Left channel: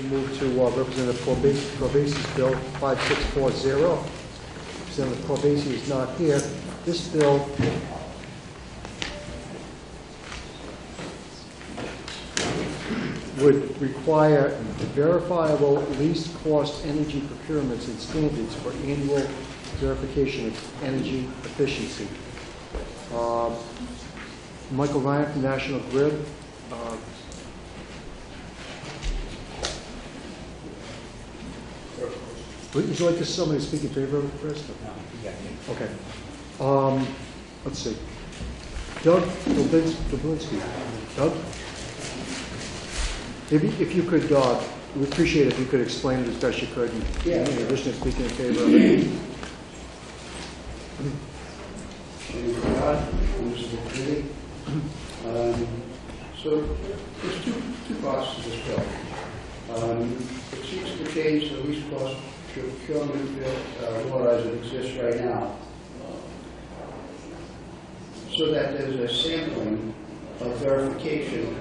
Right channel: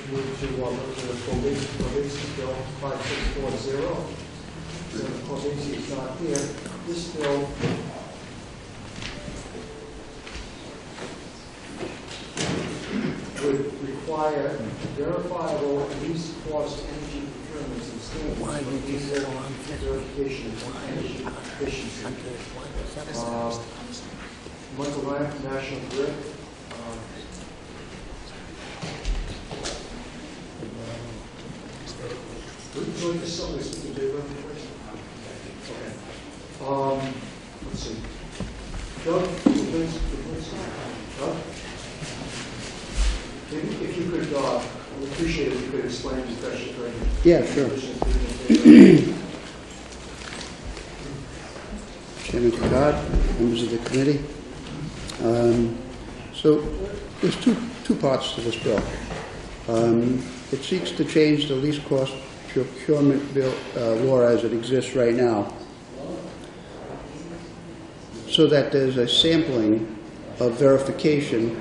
We'll move to Representative Corbasi's bill 5640. Senator Corbasi is not here. This bill would require verifiable least cost energy procurements and standards for annual verification of energy efficiency. Michael Ryan from National Grid. Would you like to somebody to speak in favor of it first? Okay. Let's see. Doug Ginsky. Doug? If you could, we appreciate it if you could explain it as best you could. Yeah, sure. Speaking in favor of it. Chairman Gerard, members of the committee. So there's two parts to this bill. It seeks to change the least cost procurement bill, law as it exists right now, so that there's a sampling of verification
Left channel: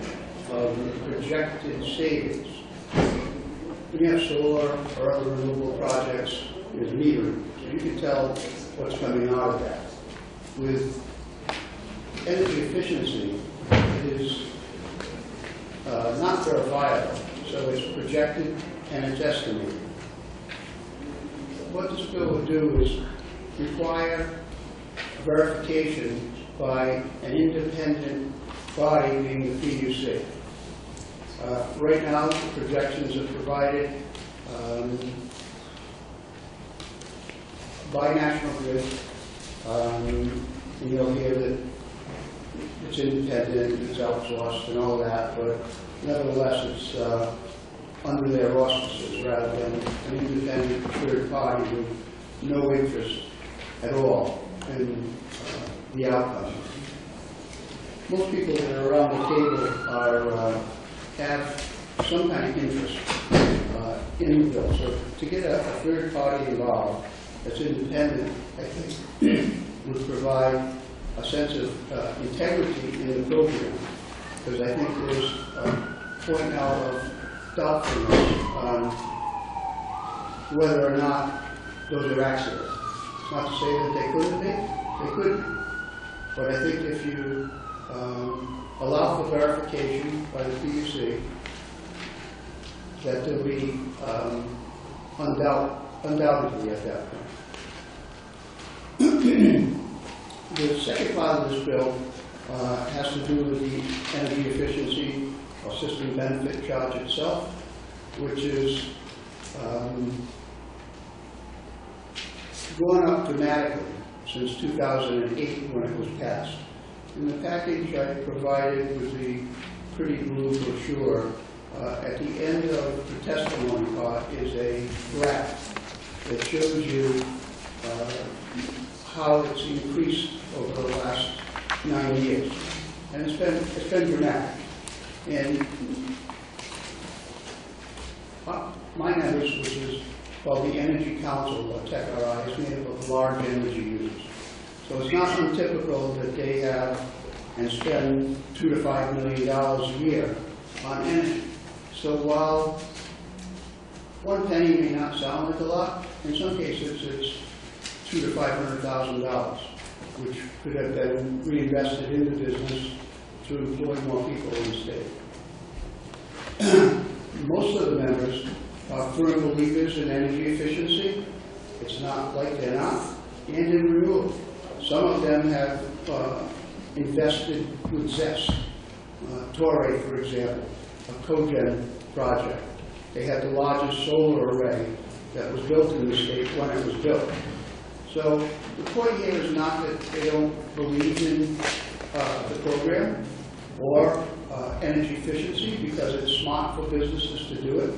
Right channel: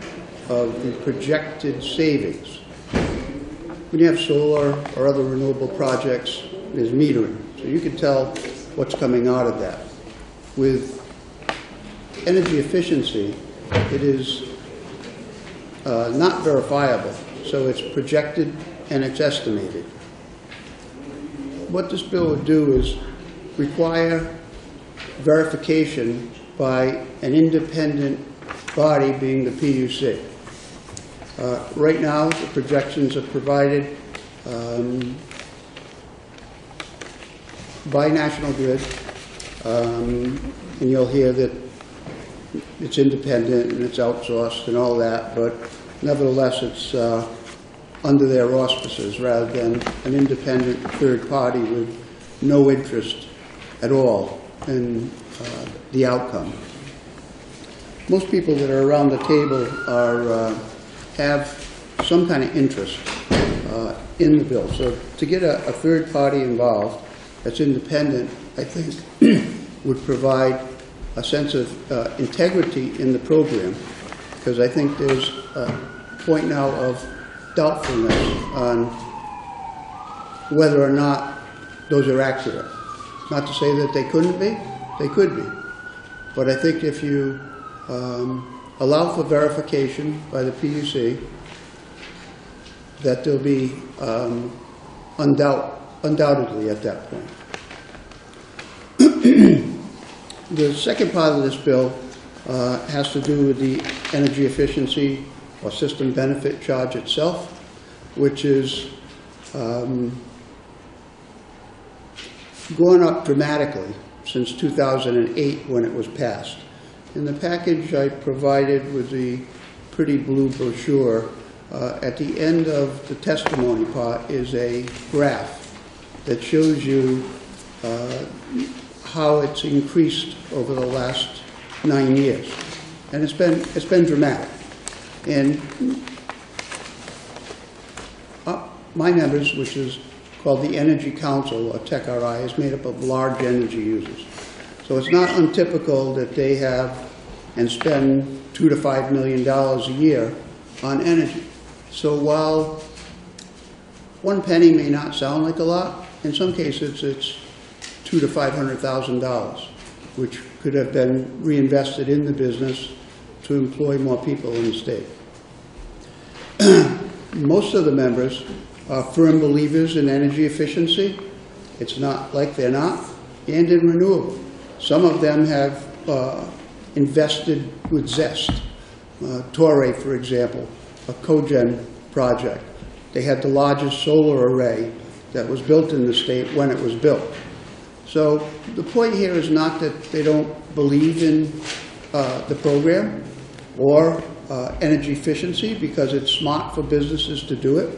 of the projected savings. When you have solar or other renewable projects, there's metering, so you can tell what's coming out of that. With energy efficiency, it is not verifiable, so it's projected and it's estimated. What this bill would do is require verification by an independent body, being the PUC. Right now, the projections are provided by National Grid, and you'll hear that it's independent and it's outsourced and all that, but nevertheless it's under their auspices rather than an independent third party with no interest at all in the outcome. Most people that are around the table have some kind of interest in the bill. So to get a third party involved that's independent, I think would provide a sense of integrity in the program, because I think there's a point now of doubtfulness on whether or not those are accidents. Not to say that they couldn't be, they could be. But I think if you allow for verification by the PUC, that there'll be undoubtedly at that point. The second part of this bill has to do with the energy efficiency or system benefit charge itself, which is gone up dramatically since 2008 when it was passed. In the package I provided with the pretty blue brochure, at the end of the testimony part is a graph that shows you how it's increased over the last 9 years, and it's been dramatic. And my members, which is called the Energy Council, or TechRI, is made up of large energy users. So it's not untypical that they have and spend $2 to $5 million a year on energy. So while one penny may not sound like a lot, in some cases it's $200,000 to $500,000, which could have been reinvested in the business to employ more people in the state. Most of the members are firm believers in energy efficiency. It's not like they're not, and in renewable. Some of them have invested with zest. Torrey, for example, a cogen project. They had the largest solar array that was built in the state when it was built. So the point here is not that they don't believe in the program or energy efficiency, because it's smart for businesses to do it,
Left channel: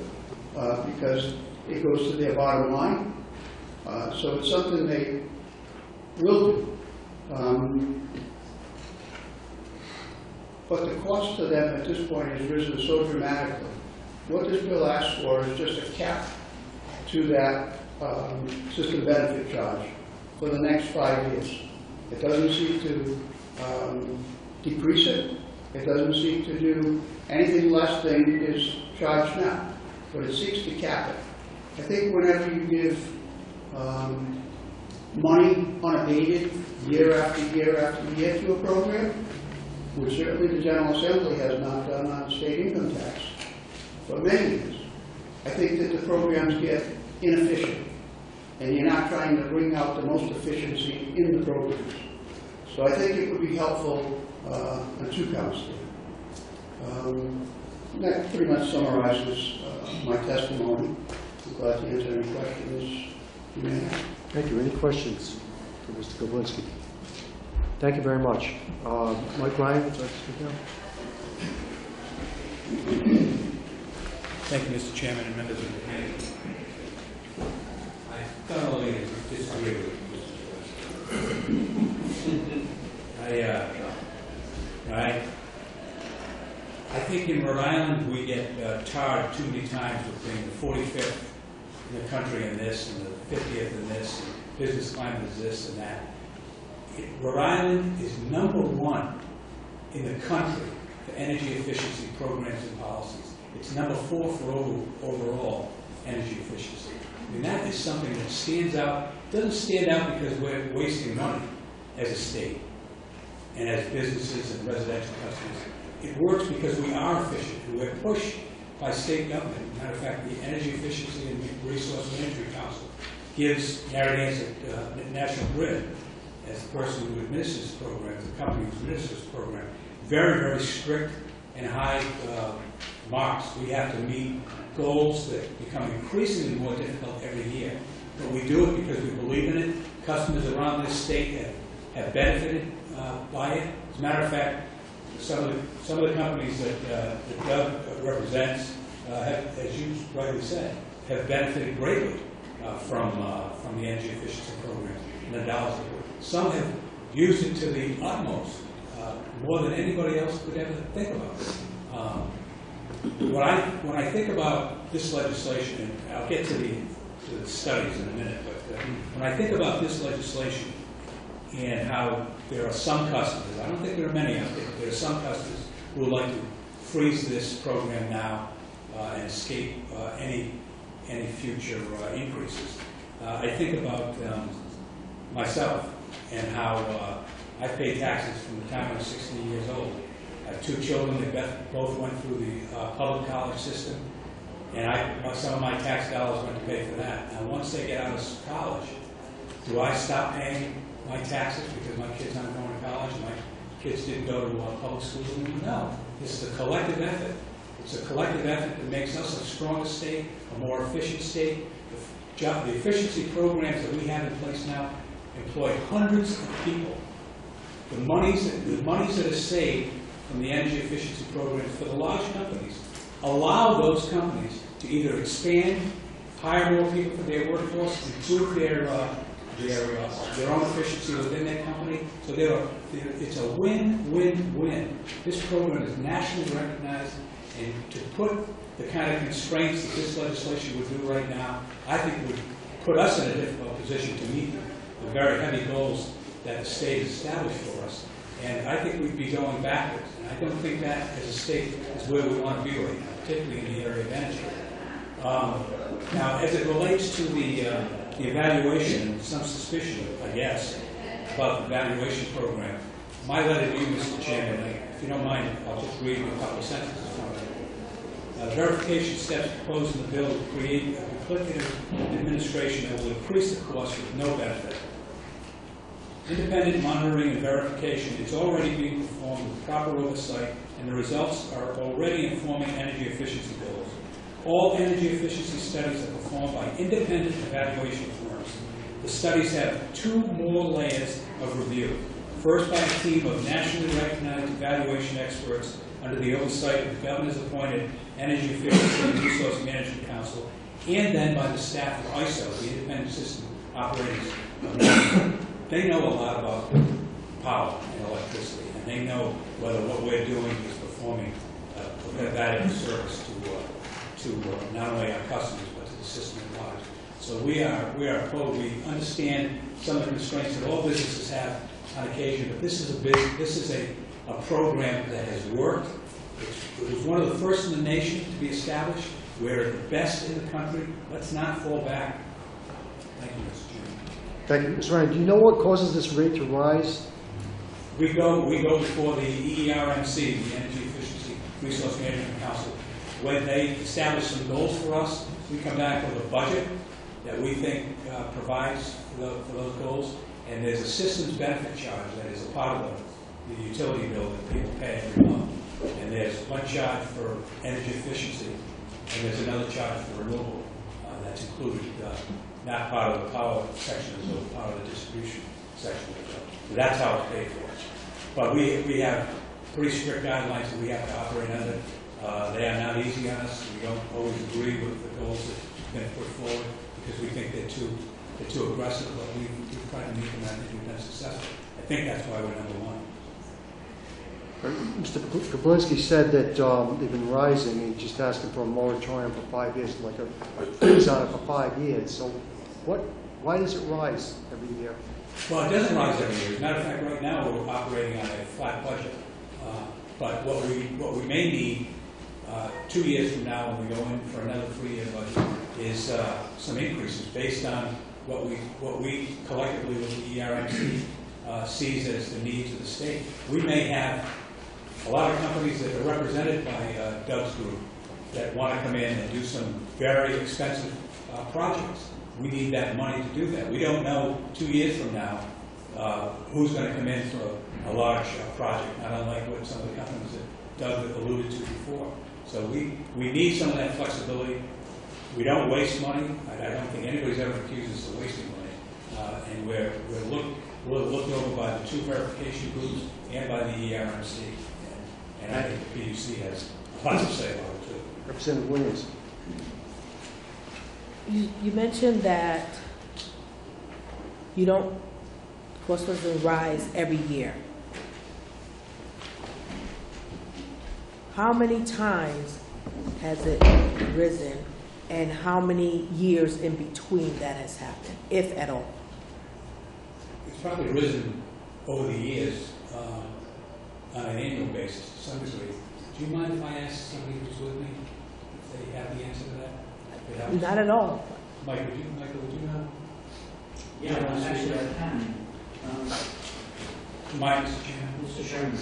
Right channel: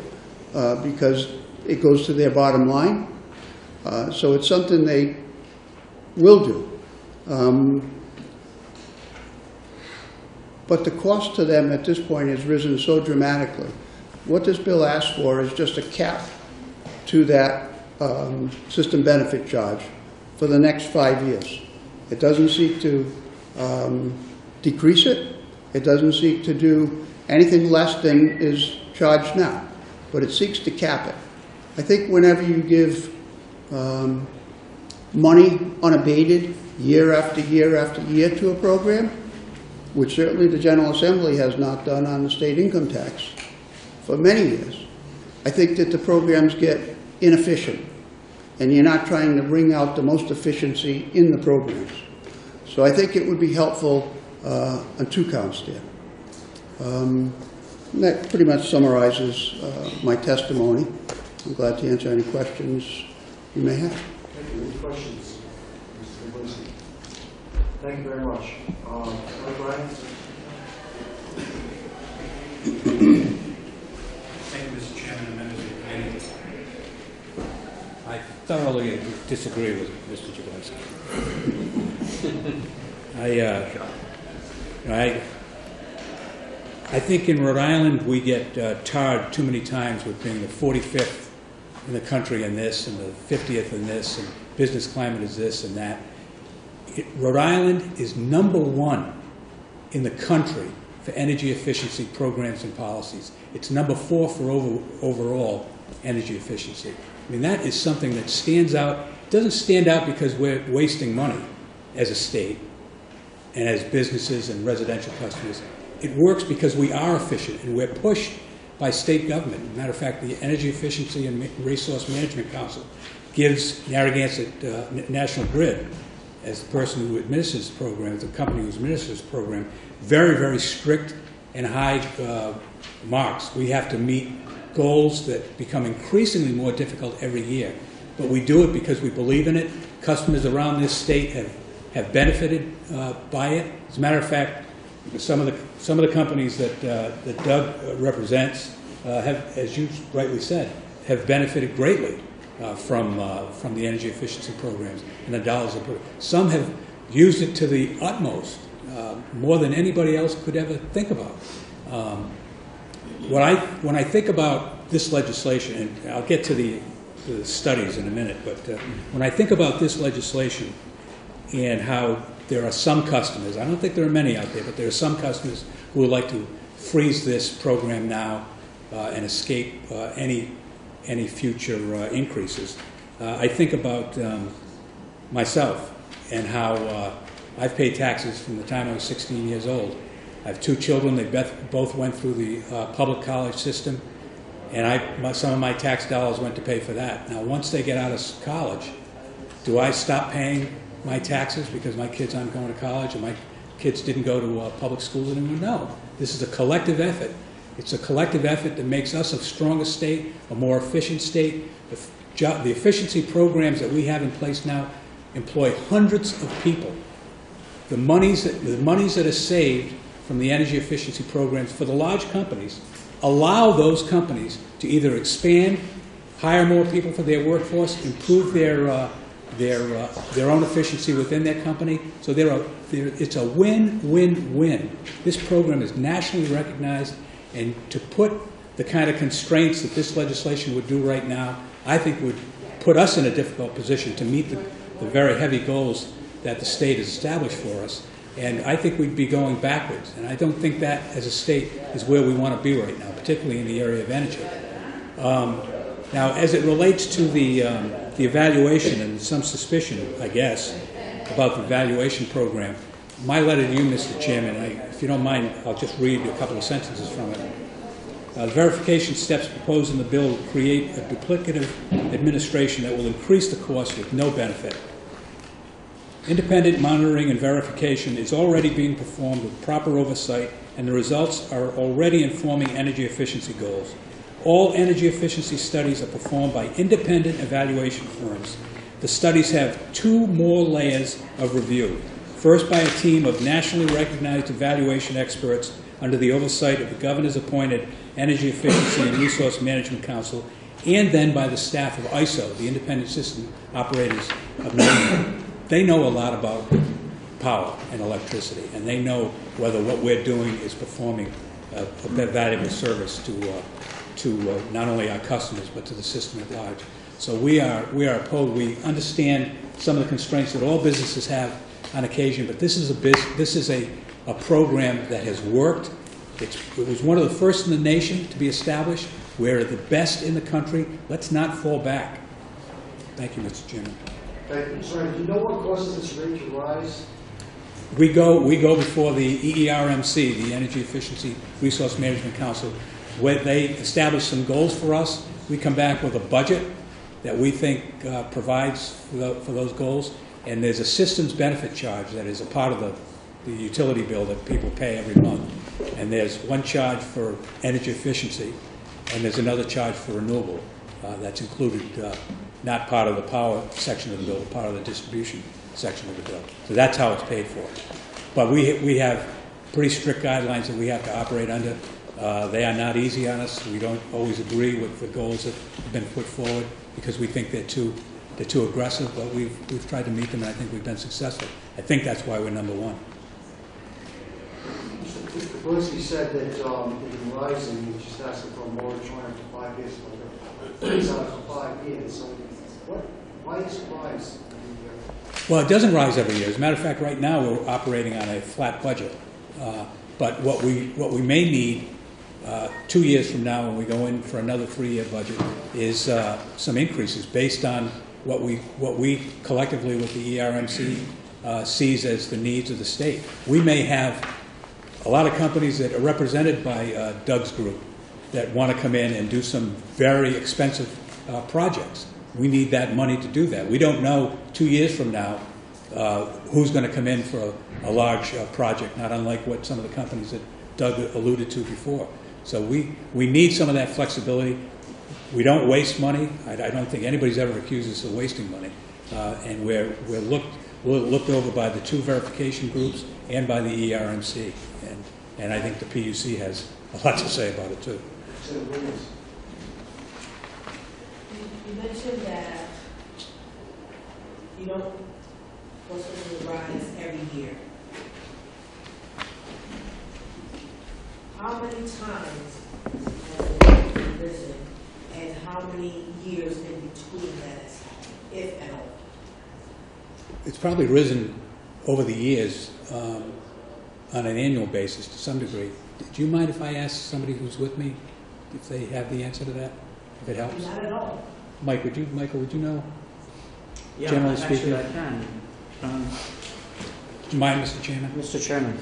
because it goes to their bottom line. So it's something they will do. But the cost to them at this point has risen so dramatically. What this bill asks for is just a cap to that system benefit charge for the next 5 years. It doesn't seek to decrease it. It doesn't seek to do anything less than is charged now. but it seeks to cap it. I think whenever you give money unabated year after year after year to a program, which certainly the General Assembly has not done on the state income tax for many years, I think that the programs get inefficient, and you're not trying to bring out the most efficiency in the programs. So I think it would be helpful on two counts there. That pretty much summarizes my testimony. I'm glad to answer any questions you may have. Thank you. Any questions for Mr. Ginsky? Thank you very much. Mike Ryan, is that speaking? Thank you, Mr. Chairman and members of the committee. I thoroughly disagree with Mr. Jablonski. I think in Rhode Island we get tarred too many times with being the 45th in the country in this and the 50th in this, and business climate is this and that. Rhode Island is #1 in the country for energy efficiency programs and policies. It's #4 for overall energy efficiency. I mean, that is something that stands out. It doesn't stand out because we're wasting money as a state and as businesses and residential customers. It works because we are efficient and we're pushed by state government. As a matter of fact, the Energy Efficiency and Resource Management Council gives Narragansett National Grid, as the person who administers the program, the company who administers the program, very, very strict and high marks. We have to meet goals that become increasingly more difficult every year. But we do it because we believe in it. Customers around this state have benefited by it. As a matter of fact, some of the companies that Doug represents have, as you rightly said, have benefited greatly from the energy efficiency programs and the dollars. Some have used it to the utmost, more than anybody else could ever think about. When I think about this legislation, and I'll get to the studies in a minute, but when I think about this legislation and how there are some customers, I don't think there are many out there, but there are some customers who would like to freeze this program now and escape any future increases. I think about myself and how I've paid taxes from the time I was 16 years old. I have 2 children. They both went through the public college system, and some of my tax dollars went to pay for that. Now, once they get out of college, do I stop paying my taxes because my kids aren't going to college and my kids didn't go to public schools anymore? No. This is a collective effort. It's a collective effort that makes us a stronger state, a more efficient state. The efficiency programs that we have in place now employ hundreds of people. The monies that are saved from the energy efficiency programs for the large companies allow those companies to either expand, hire more people for their workforce, improve their own efficiency within their company. So it's a win-win-win. This program is nationally recognized, and to put the kind of constraints that this legislation would do right now, I think would put us in a difficult position to meet the very heavy goals that the state has established for us. And I think we'd be going backwards. And I don't think that, as a state, is where we want to be right now, particularly in the area of energy. Now, as it relates to the evaluation, and some suspicion, I guess, about the evaluation program, my letter to you, Mr. Chairman, if you don't mind, I'll just read a couple of sentences from it. The verification steps proposed in the bill will create a duplicative administration that will increase the cost with no benefit. Independent monitoring and verification is already being performed with proper oversight, and the results are already informing energy efficiency goals. All energy efficiency studies are performed by independent evaluation firms. The studies have 2 more layers of review. First, by a team of nationally recognized evaluation experts under the oversight of the governor's appointed Energy Efficiency and Resource Management Council, and then by the staff of ISO, the Independent System Operators of North. They know a lot about power and electricity, and they know whether what we're doing is performing a valuable service to not only our customers but to the system at large. So we are opposed. We understand some of the constraints that all businesses have on occasion, but this is a program that has worked. It was one of the first in the nation to be established. We're the best in the country. Let's not fall back. Thank you, Mr. Chairman. Thank you. Mr. Ryan, do you know what causes this rate to rise? We go before the EERMC, the Energy Efficiency Resource Management Council. When they establish some goals for us, we come back with a budget that we think provides for those goals. And there's a systems benefit charge that is a part of the utility bill that people pay every month. And there's one charge for energy efficiency, and there's another charge for renewable that's included, not part of the power section of the bill, part of the distribution section of the bill. So that's how it's paid for. But we have pretty strict guidelines that we have to operate under. They are not easy on us. We don't always agree with the goals that have been put forward because we think they're too aggressive, but we've tried to meet them, and I think we've been successful. I think that's why we're number one. Mr. Kaplinsky said that they've been rising, and just asking for a moratorium for 5 years, like a freeze on it for 5 years. So why does it rise every year? Well, it doesn't rise every year. As a matter of fact, right now we're operating on a flat budget. But what we may need 2 years from now when we go in for another 3-year budget is some increases based on what we collectively with the ERMC sees as the needs of the state. We may have a lot of companies that are represented by Doug's group that want to come in and do some very expensive projects. We need that money to do that. We don't know 2 years from now who's going to come in for a large project, not unlike what some of the companies that Doug alluded to before. So we need some of that flexibility. We don't waste money. I don't think anybody's ever accused us of wasting money. And we're looked over by the two verification groups and by the ERMC. And I think the PUC has a lot to say about it too. Representative Williams. You mentioned that you don't, cost doesn't rise every year. How many times has it risen, and how many years in between that has happened, if at all? It's probably risen over the years on an annual basis to some degree. Do you mind if I ask somebody who's with me if they have the answer to that? If it helps? Not at all. Michael, would you know? Yeah, Generally actually speaking. I can. Mind, Mr. Chairman? Mr. Chairman,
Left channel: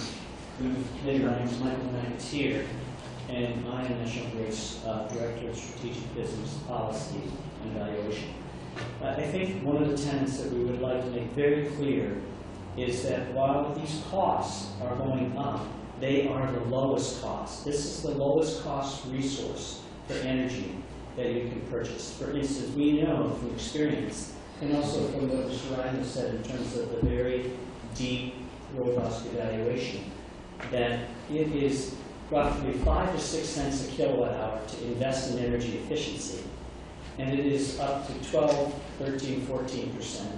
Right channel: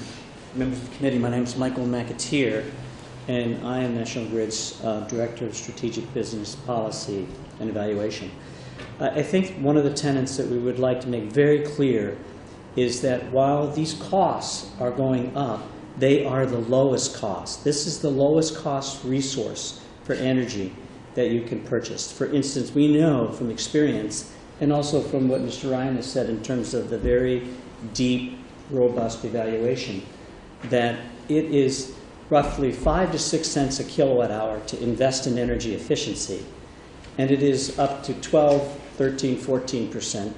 members of the committee, my name is Michael McAteer, and I am National Grid's Director of Strategic Business Policy and Evaluation. I think one of the tenets that we would like to make very clear is that while these costs are going up, they are the lowest cost. This is the lowest cost resource for energy that you can purchase. For instance, we know from experience, and also from what Mr. Ryan has said in terms of the very deep, robust evaluation, that it is roughly 5 to 6 cents a kilowatt hour to invest in energy efficiency, and it is up to 12, 13, 14%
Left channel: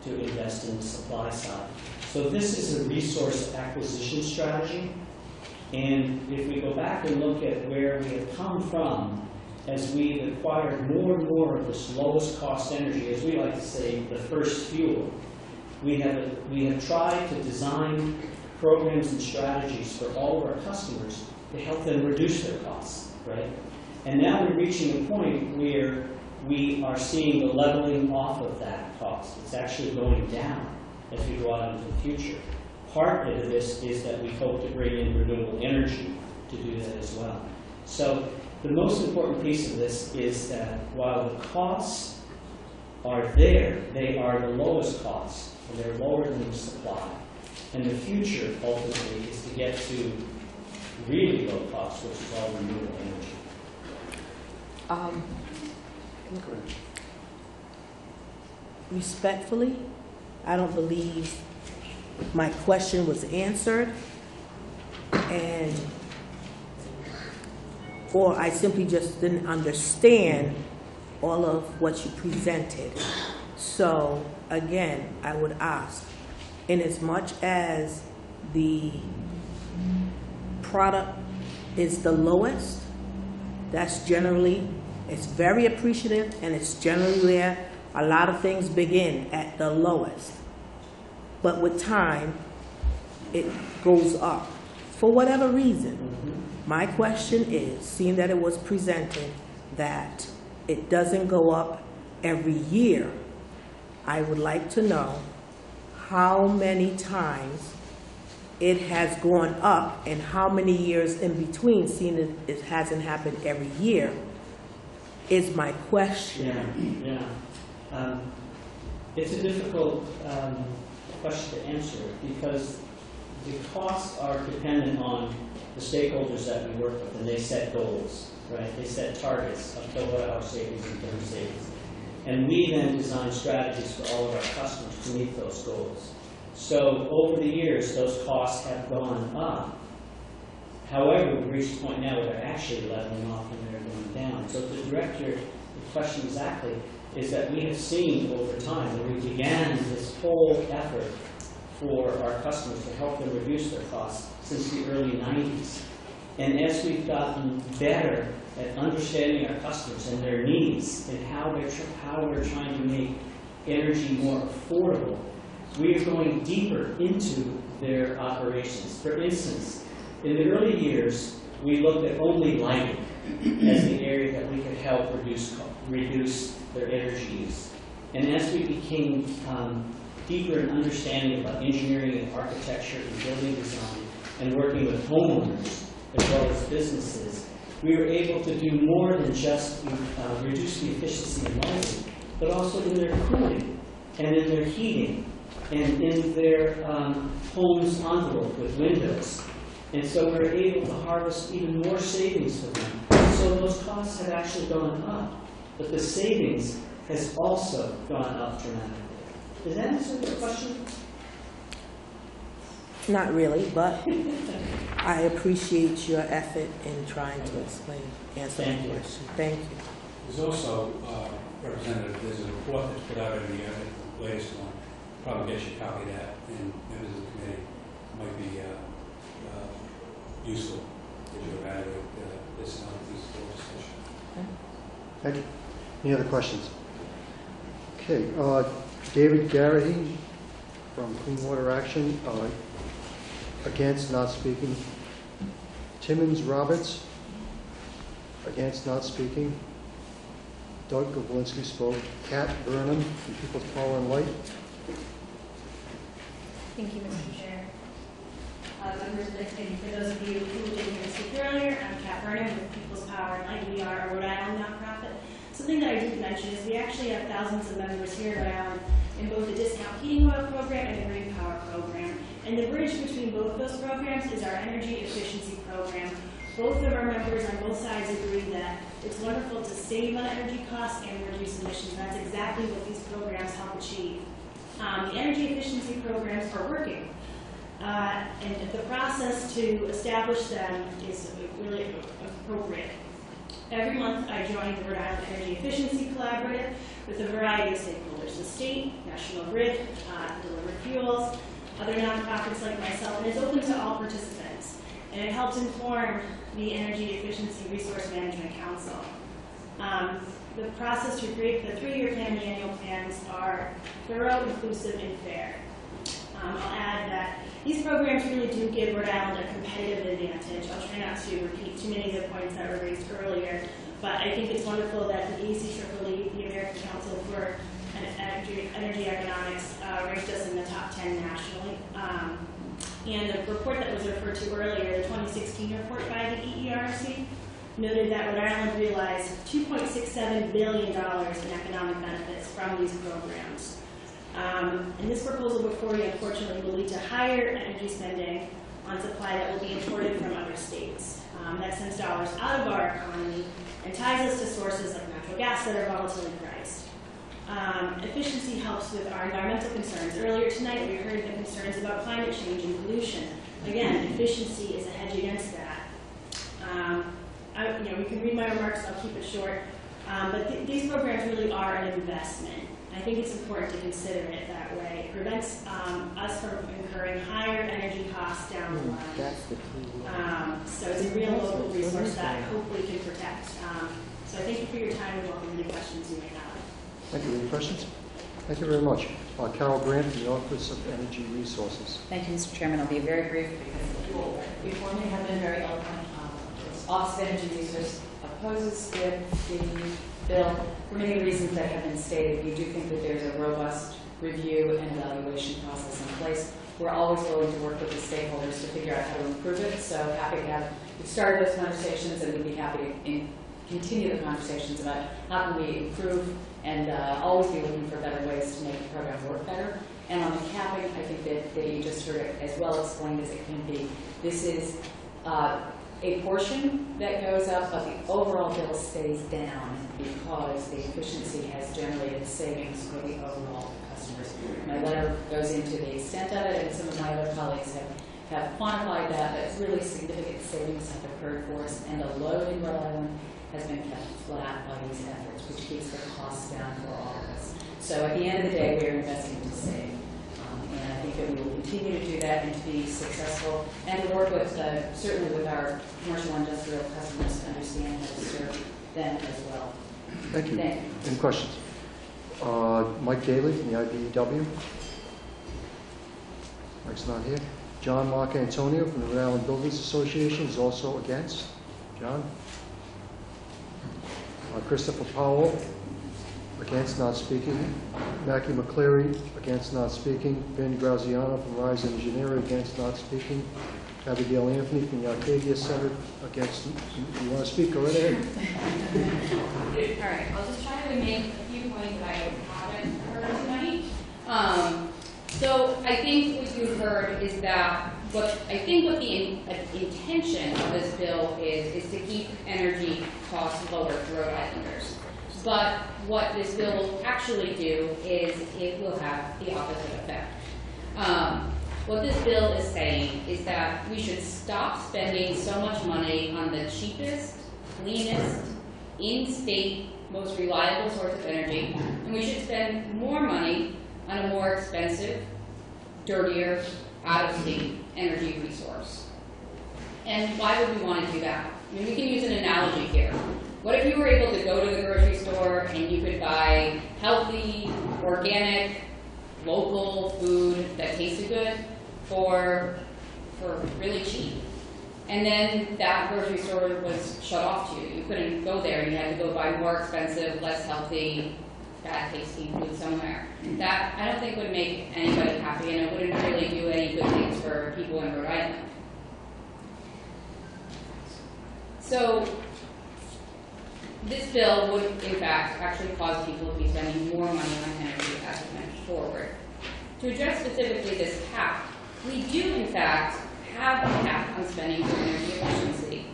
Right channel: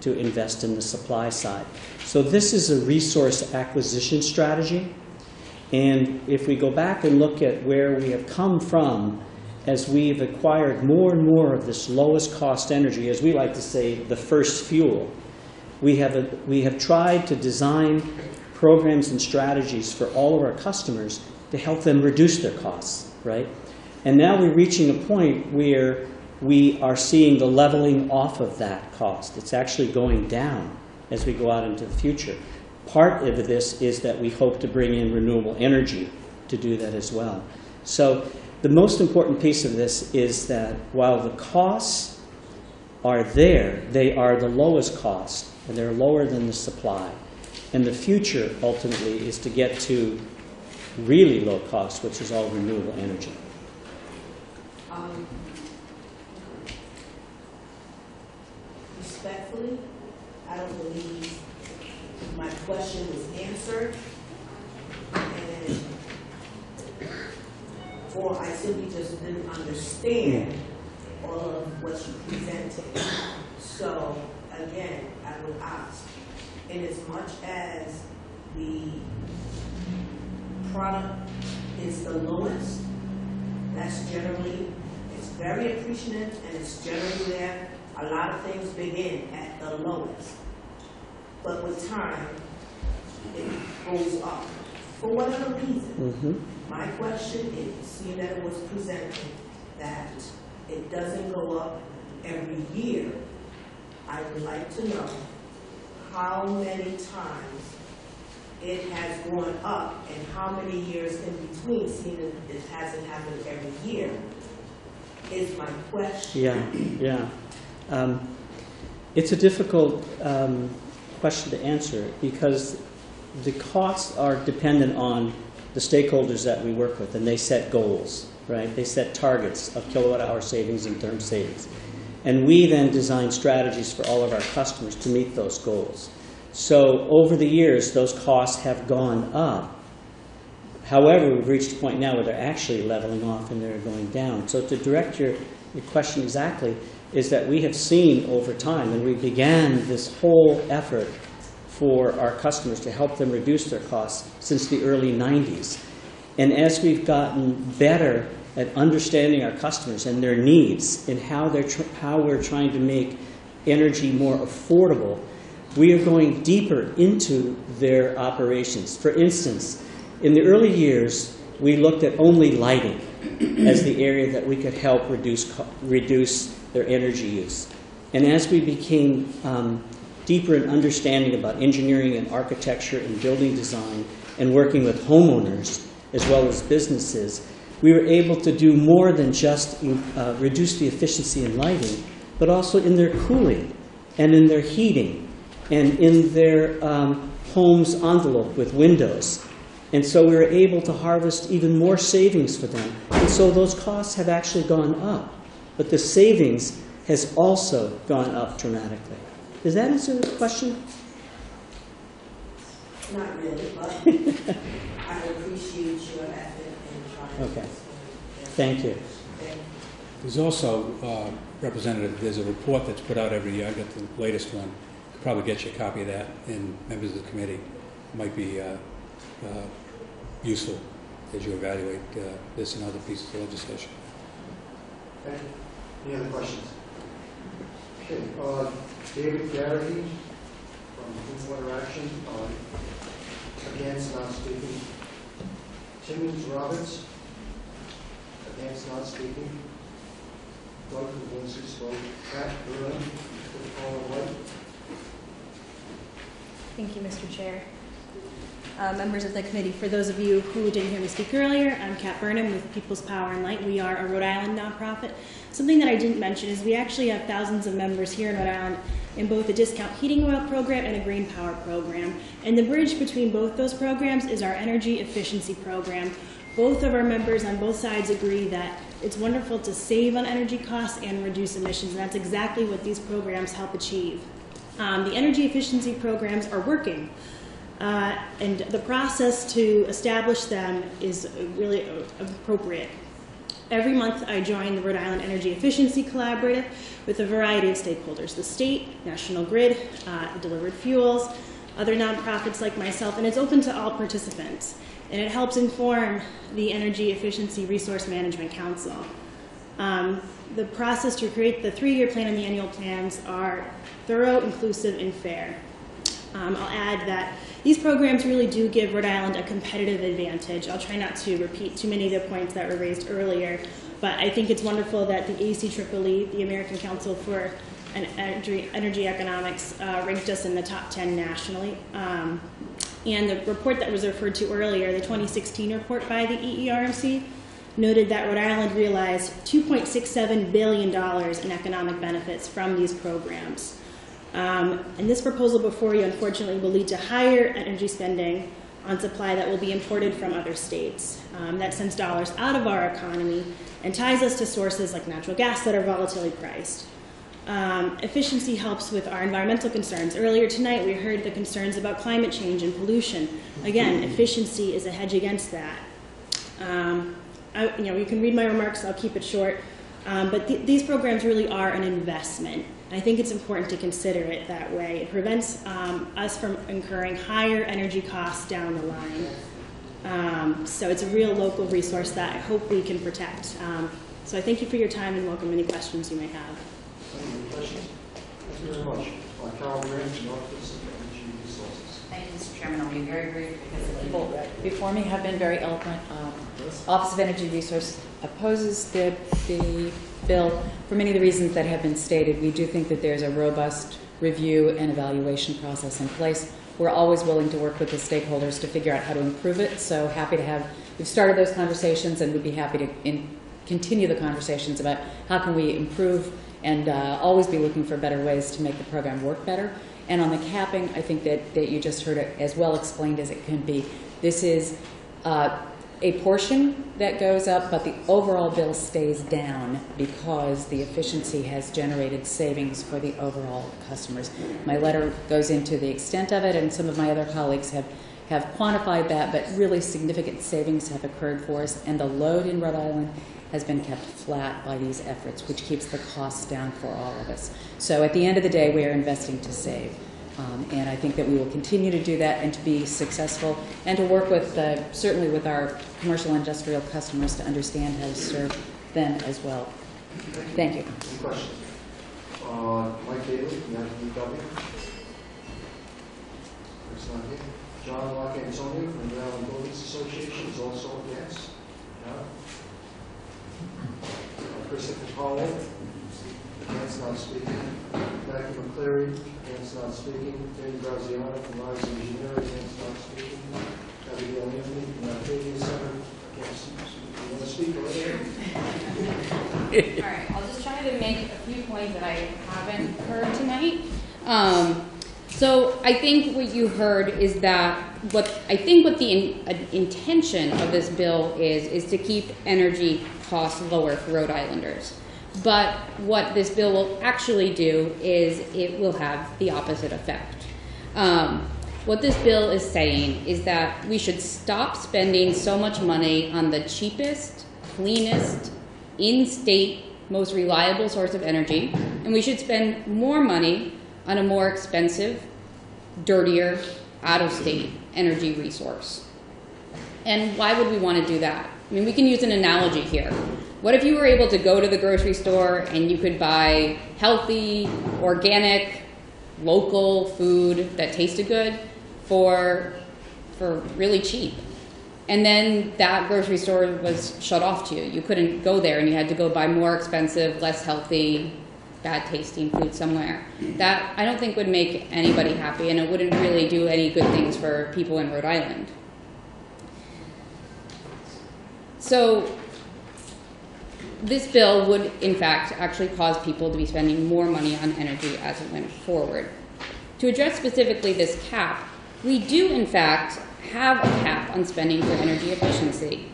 to invest in the supply side. So this is a resource acquisition strategy, and if we go back and look at where we have come from as we've acquired more and more of this lowest cost energy, as we like to say, the first fuel, we have tried to design programs and strategies for all of our customers to help them reduce their costs, right? And now we're reaching a point where we are seeing the leveling off of that cost. It's actually going down as we go out into the future. Part of this is that we hope to bring in renewable energy to do that as well. So the most important piece of this is that while the costs are there, they are the lowest cost, and they're lower than the supply. And the future, ultimately, is to get to really low cost, which is all renewable energy. Respectfully, I don't believe my question was answered, or I simply just didn't understand all of what you presented. So again, I would ask, in as much as the product is the lowest, that's generally, it's very appreciative, and it's generally where a lot of things begin, at the lowest. But with time, it goes up for whatever reason. My question is, seeing that it was presented, that it doesn't go up every year, I would like to know how many times it has gone up and how many years in between, seeing that it hasn't happened every year, is my question. Yeah. It's a difficult question to answer because the costs are dependent on the stakeholders that we work with, and they set goals, right? They set targets of kilowatt-hour savings and term savings. And we then design strategies for all of our customers to meet those goals. So over the years, those costs have gone up. However, we've reached a point now where they're actually leveling off and they're going down. So to direct your question exactly, is that we have seen over time, and we began this whole effort for our customers to help them reduce their costs since the early 90s. And as we've gotten better at understanding our customers and their needs and how we're trying to make energy more affordable, we are going deeper into their operations. For instance, in the early years, we looked at only lighting as the area that we could help reduce their energy use. And as we became deeper in understanding about engineering and architecture and building design and working with homeowners as well as businesses, we were able to do more than just reduce the efficiency in lighting, but also in their cooling and in their heating and in their home's envelope with windows. And so we were able to harvest even more savings for them. And so those costs have actually gone up, but the savings has also gone up dramatically. Does that answer the question? Not really, but I appreciate your effort in trying to explain. Thank you. Thank you. There's also, Representative, there's a report that's put out every year. I got the latest one. Probably get you a copy of that, and members of the committee might be useful as you evaluate this and other pieces of legislation. Thank you. Any other questions? Okay, David Garrahy from Clean Water Action, against, not speaking. Timmons Roberts, against, not speaking. Doug Ginsky spoke. Kat Burnham, People's Power and Light. Thank you, Mr. Chair. Members of the committee, for those of you who didn't hear me speak earlier, I'm Kat Burnham with People's Power and Light. We are a Rhode Island nonprofit. Something that I didn't mention is we actually have thousands of members here in Rhode Island in both the discount heating oil program and the green power program. And the bridge between both those programs is our energy efficiency program. Both of our members on both sides agree that it's wonderful to save on energy costs and reduce emissions, and that's exactly what these programs help achieve. The energy efficiency programs are working. And the process to establish them is really appropriate. Every month I join the Rhode Island Energy Efficiency Collaborative with a variety of stakeholders, the state, National Grid, Delivered Fuels, other nonprofits like myself, and it's open to all participants. And it helps inform the Energy Efficiency Resource Management Council. The process to create the 3-year plan and the annual plans are thorough, inclusive, and fair. I'll add that these programs really do give Rhode Island a competitive advantage. I'll try not to repeat too many of the points that were raised earlier, but I think it's wonderful that the ACEEE, the American Council for Energy Economics, ranked us in the top 10 nationally. And the report that was referred to earlier, the 2016 report by the EERMC, noted that Rhode Island realized $2.67 billion in economic benefits from these programs. And this proposal before you, unfortunately, will lead to higher energy spending on supply that will be imported from other states. That sends dollars out of our economy and ties us to sources like natural gas that are volatilely priced. Efficiency helps with our environmental concerns. Earlier tonight, we heard the concerns about climate change and pollution. Again, efficiency is a hedge against that. You can read my remarks, I'll keep it short. But these programs really are an investment. I think it's important to consider it that way. It prevents us from incurring higher energy costs down the line. So it's a real local resource that I hope we can protect. So I thank you for your time and welcome any questions you may have. Thank you. Any questions? Thank you very much. Carol Grant, the Office of Energy Resources. Thank you, Mr. Chairman. I'll be very brief because the people before me have been very eloquent. Office of Energy opposes the bill for many of the reasons that have been stated. We do think that there's a robust review and evaluation process in place. We're always willing to work with the stakeholders to figure out how to improve it. So happy to have, we've started those conversations, and we'd be happy to continue the conversations about how can we improve and always be looking for better ways to make the program work better. And on the capping, I think that you just heard it as well explained as it can be. This is a portion that goes up, but the overall bill stays down because the efficiency has generated savings for the overall customers. My letter goes into the extent of it, and some of my other colleagues have quantified that, but really significant savings have occurred for us, and the load in Rhode Island has been kept flat by these efforts, which keeps the costs down for all of us. So at the end of the day, we are investing to save. And I think that we will continue to do that and to be successful and to work with, certainly with our commercial and industrial customers to understand how to serve them as well. Thank you. Thank you. Any questions? Mike Daly, the IBEW. Mike's not here. John Mark Antonio from the Rhode Island Builders Association is also against. John? Christopher Powell, against, not speaking. Mackie McCleary, against, not speaking. Ben Graziano from Rise Engineering, against, not speaking. Abigail Anthony from the Arcadia Center, against. You want to speak? Go right ahead. All right, I'll just try to make a few points that I haven't heard tonight. So I think what you heard is that what the intention of this bill is to keep energy costs lower for Rhode Islanders. But what this bill will actually do is it will have the opposite effect. What this bill is saying is that we should stop spending so much money on the cheapest, cleanest, in-state, most reliable source of energy, and we should spend more money on a more expensive, dirtier, out-of-state energy resource. And why would we want to do that? I mean, we can use an analogy here. What if you were able to go to the grocery store and you could buy healthy, organic, local food that tasted good for really cheap? And then that grocery store was shut off to you. You couldn't go there and you had to go buy more expensive, less healthy, bad tasting food somewhere. That I don't think would make anybody happy, and it wouldn't really do any good things for people in Rhode Island. So this bill would, in fact, actually cause people to be spending more money on energy as it went forward. To address specifically this cap, we do, in fact, have a cap on spending for energy efficiency.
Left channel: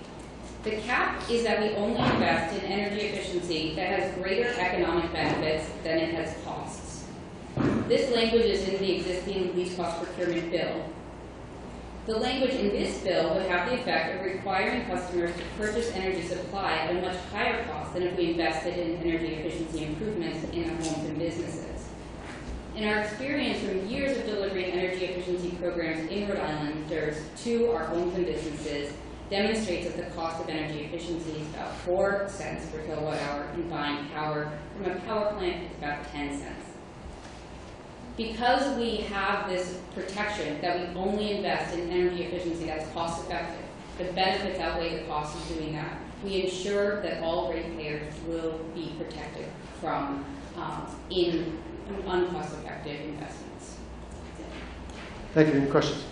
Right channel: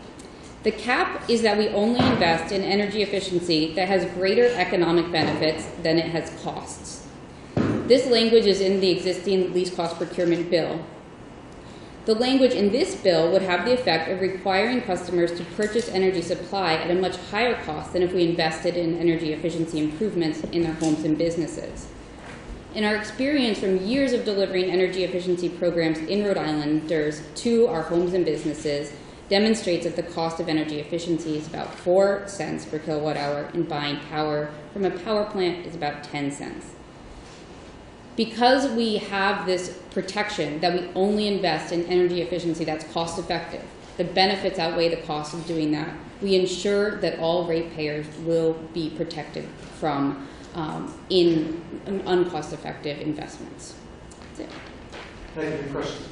The cap is that we only invest in energy efficiency that has greater economic benefits than it has costs. This language is in the existing least cost procurement bill. The language in this bill would have the effect of requiring customers to purchase energy supply at a much higher cost than if we invested in energy efficiency improvements in their homes and businesses. In our experience from years of delivering energy efficiency programs in Rhode Islanders to our homes and businesses demonstrates that the cost of energy efficiency is about 4 cents per kilowatt hour, and buying power from a power plant is about 10 cents. Because we have this protection that we only invest in energy efficiency that's cost effective, the benefits outweigh the cost of doing that, we ensure that all ratepayers will be protected from uncost effective investments. That's it. Thank you. Any questions?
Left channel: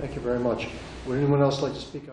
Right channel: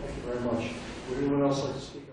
Thank you very much. Would anyone else like to speak on?